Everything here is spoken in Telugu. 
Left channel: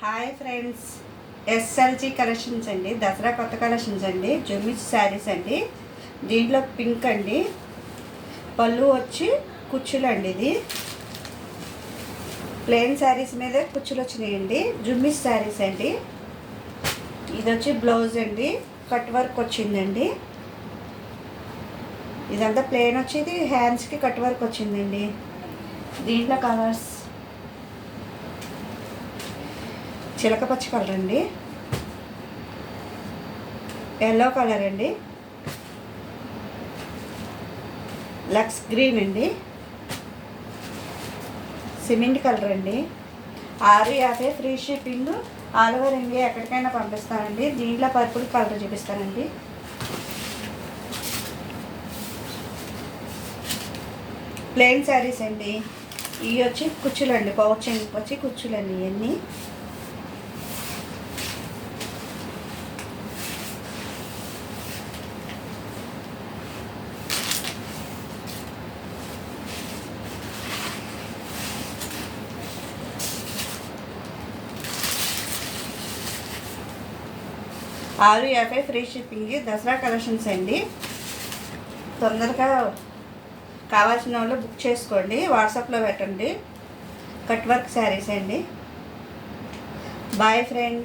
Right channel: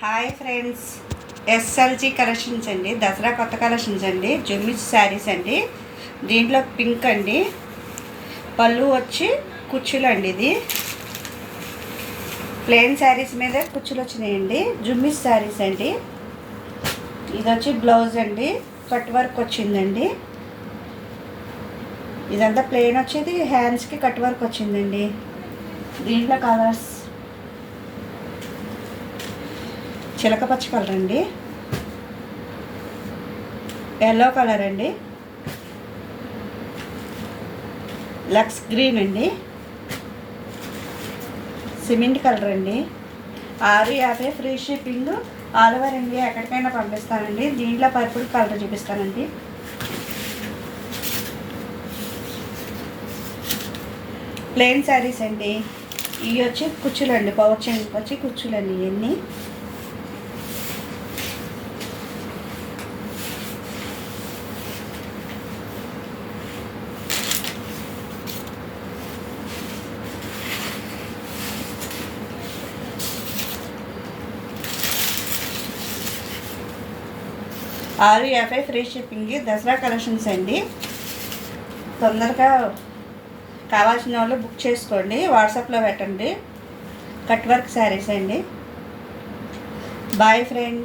హాయ్ ఫ్రెండ్స్, ఎస్ఎల్జీ కలెక్షన్స్ అండి. దసరా కొత్త కలెక్షన్స్ అండి. జుమ్మిస్ శారీస్ అండి. దీంట్లో పింక్ అండి. పళ్ళు వచ్చి కుచ్చులు అండి. ఇది ప్లెయిన్ శారీస్ మీద కుచ్చులు వచ్చినాయండి. జుమ్మిస్ శారీస్ అండి. ఇది వచ్చి బ్లౌజ్ అండి. కట్ వర్క్ వచ్చిందండి. ఇదంతా ప్లెయిన్ వచ్చేది, హ్యాండ్స్కి కట్ వర్క్ వచ్చిందండి. దీంట్లో కలర్స్ చిలక పచ్చ కలర్ అండి, ఎల్లో కలర్ అండి, లక్స్ గ్రీన్ అండి, సిమెంట్ కలర్ అండి. 650 free shipping, all over India ఎక్కడికైనా పంపిస్తానండి. దీంట్లో పర్పుల్ కలర్ చూపిస్తానండి. ప్లెయిన్ శారీస్ అండి. ఇవి వచ్చి కుచ్చులండి, పౌచ్ వచ్చి కుచ్చులండి. ఇవన్నీ ₹650 ఫ్రీ షిప్పింగ్. దసరా కలెక్షన్స్ అండి. తొందరగా కావాల్సిన వాళ్ళు బుక్ చేసుకోండి, వాట్సాప్లో పెట్టండి. కట్ వర్క్ శారీస్ అండి. Boy friend.